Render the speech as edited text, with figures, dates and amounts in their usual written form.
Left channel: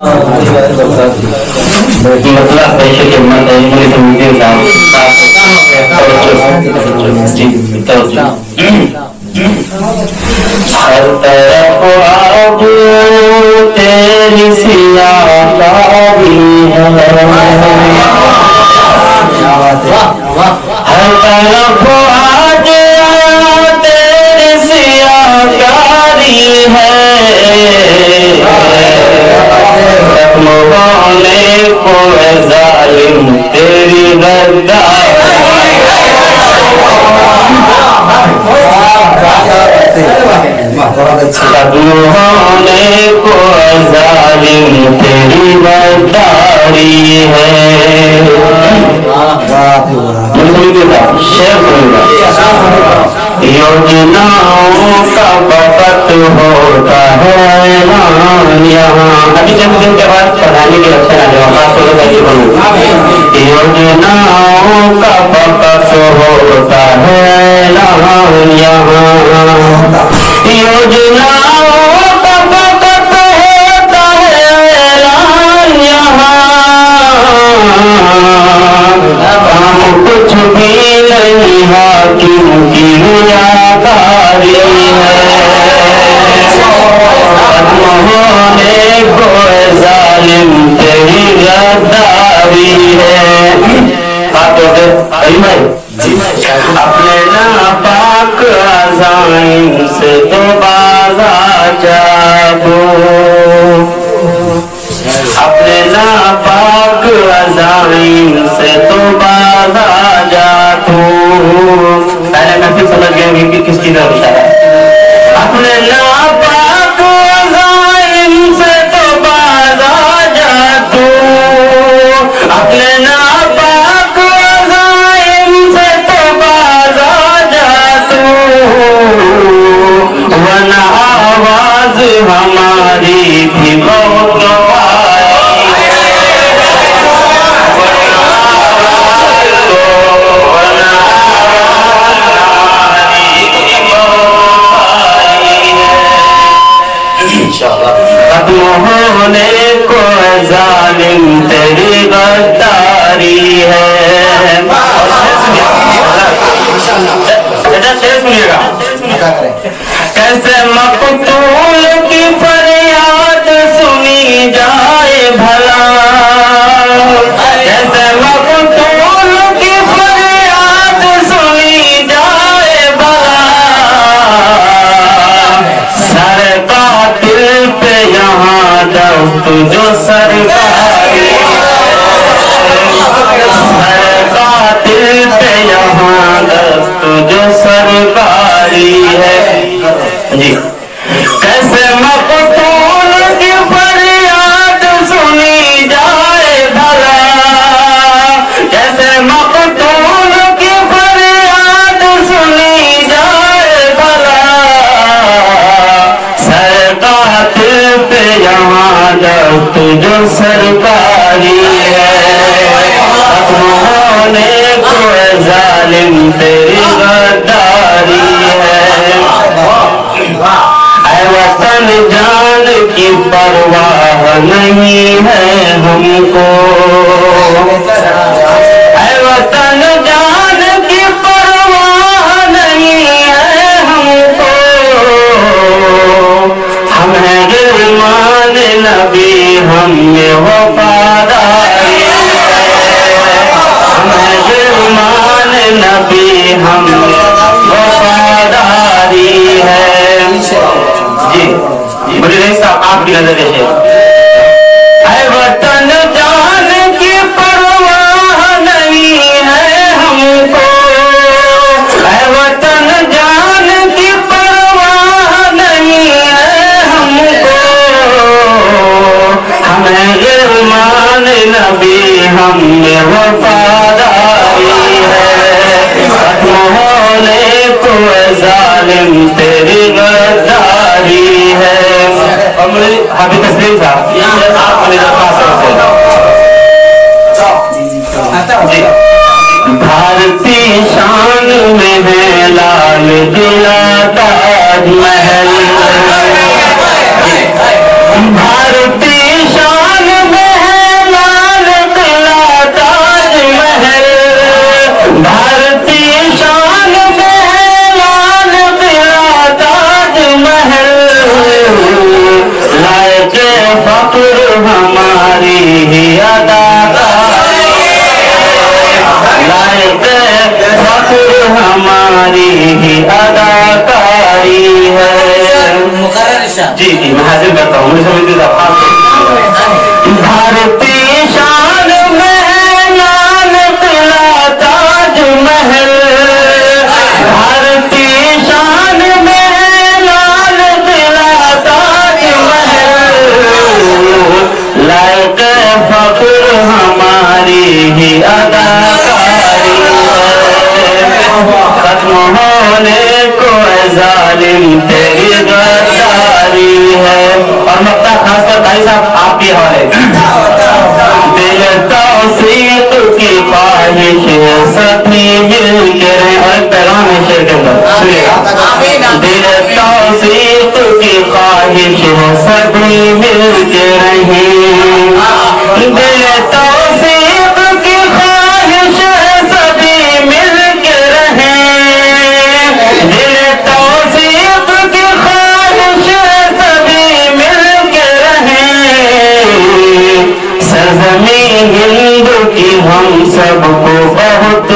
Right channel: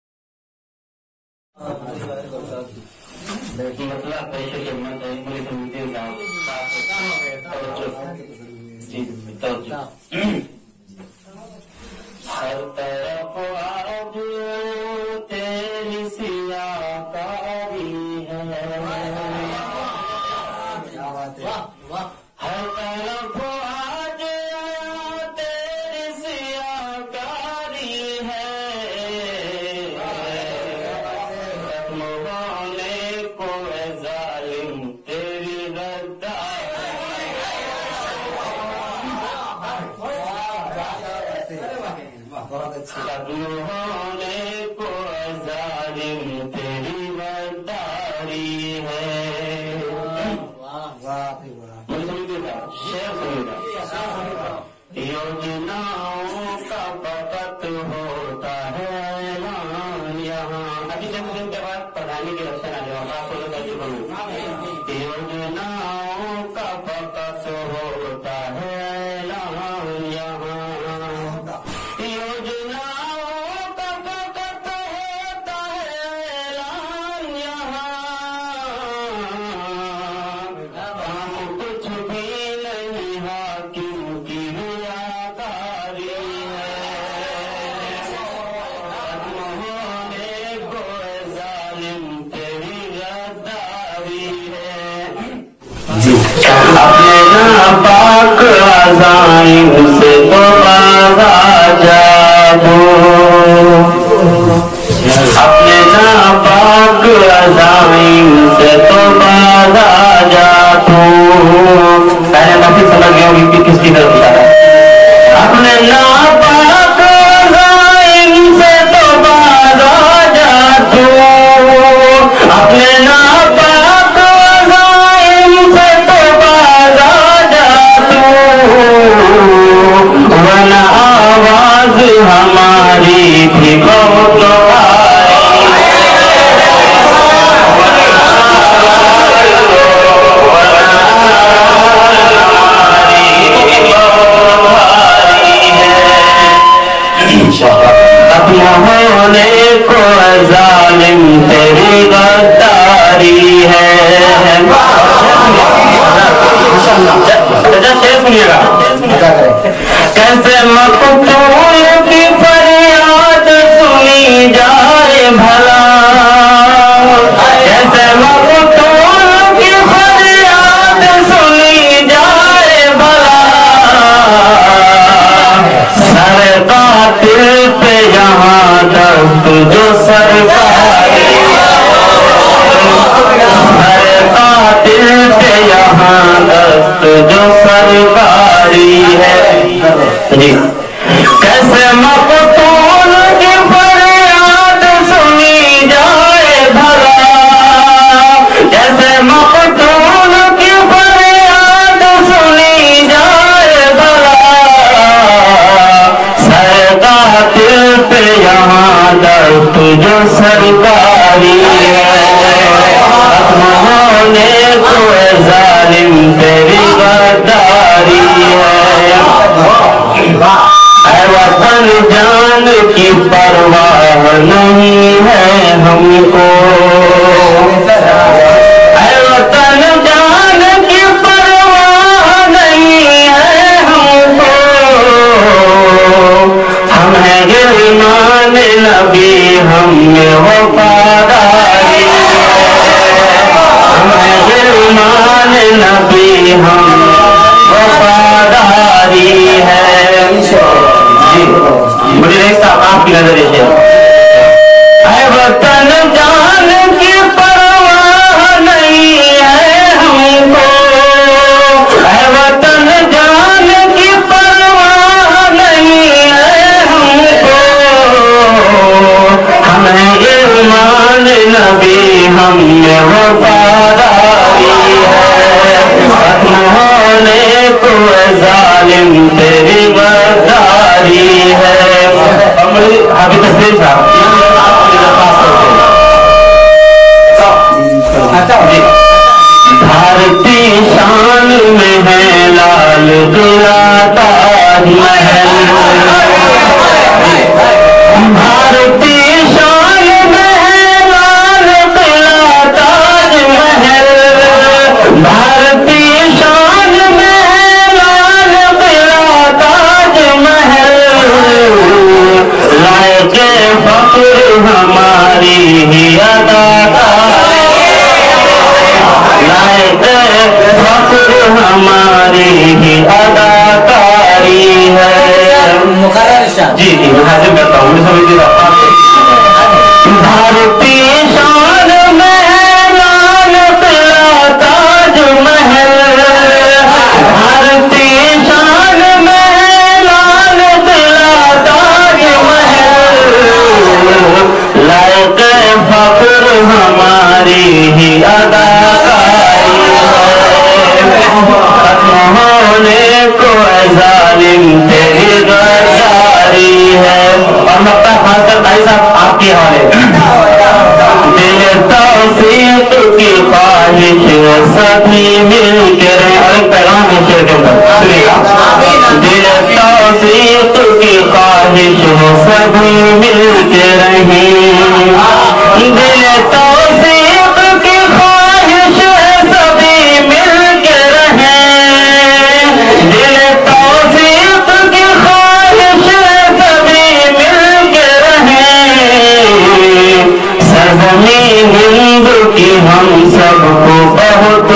मतलब पैसे के मत हर तरफ अब तेरी सियाकारी है, हर तरफ आज तेरी सियाकारी है, मोहने को जालिम तेरी गद्दारी, मोहने को जालिम तेरी गद्दारी है। योजनाओं का बकत होता है यहाँ, अभी चंद दिन के बाद पढ़ाने के लक्षण आ जाओ। योजनाओं का बकत होता है यहाँ, योजनाओं का बकत होता है यहाँ, हम कुछ भी नहीं हाकिम की नियाकारी है, मोहने को जालिम तेरी गद्दारी है। अपने नापाक अज़ाइम से तो बाज़ा जादू, अपने नापाक अज़ाइम से तो बाज़ा जादू। पहले नफी समझ गए होंगे कि किसकी तरफ इशारा है। अपने नापाक अज़ाइम से तो बाज़ा जादू, अपने नापाक अज़ाइम से तो बाज़ा जादू, वरना आवाज़ हमारी भी बहुत मोहने को जालिम तेरी गद्दारी है। सुनिएगा कैसे मकतूल की फरियाद सुनी जाए भला, कैसे मकतूल की फरियाद सुनी जाए भला, सर कातिल पे यहाँ दस्त जो सरकारी, सर कातिल पे यहाँ दस्त जो सरकारी है जी। कैसे मकतूल की फरियाद सुनी जाए भला, कैसे मकतूल की फरियाद सुनी जाए भला, सर कातिल पे यहाँ दस्त जो सरकारी है, मोहने को जालिम तेरी गद्दारी है। वतन जान की परवाह नहीं है हमको, वतन जान की परवाह नहीं है हमको, हम हैं गिरमान नबी हम में वफादारी, हम हैं गिरमान नबी हम वफादारी है जी। मुझे नहीं साहब आपकी नजर देखिए, वतन जान की परवाह नहीं है हमको, वतन जान की परवाह नहीं है हमको, हमें ईमान नबी हम में वफादारी है, मोहने को जालिम तेरी गद्दारी है। अभी तस्वीर भारती शान में है लाल किला ताजमहल, भारती शान फक्र हमारी ही अदाकारी, लायक फक्र हमारी ही अदाकारी है। जी जी मैं हाजिर करता हूँ, भारतीय शान में लाल किला ताज महल, भारतीय शान में लाल किला ताज महल, लायक फक्र हमारी ही अदाकारी है। खत्म होने को जालिम तेरी गद्दारी है। और मक्का खासकर भाई साहब आपके हवाले, दिल तौसीक की ख्वाहिश सभी मिलकर, और पैगाम है शेर के अंदर सुनिएगा, दिल तौसीक की ख्वाहिश सभी मिलकर रहें, दिल तौसीक की ख्वाहिश सभी मिलकर रहें, दिल तौसीक की ख्वाहिश सभी मिलकर रहें, सरज़मीन हिंद की हम सबको बहुत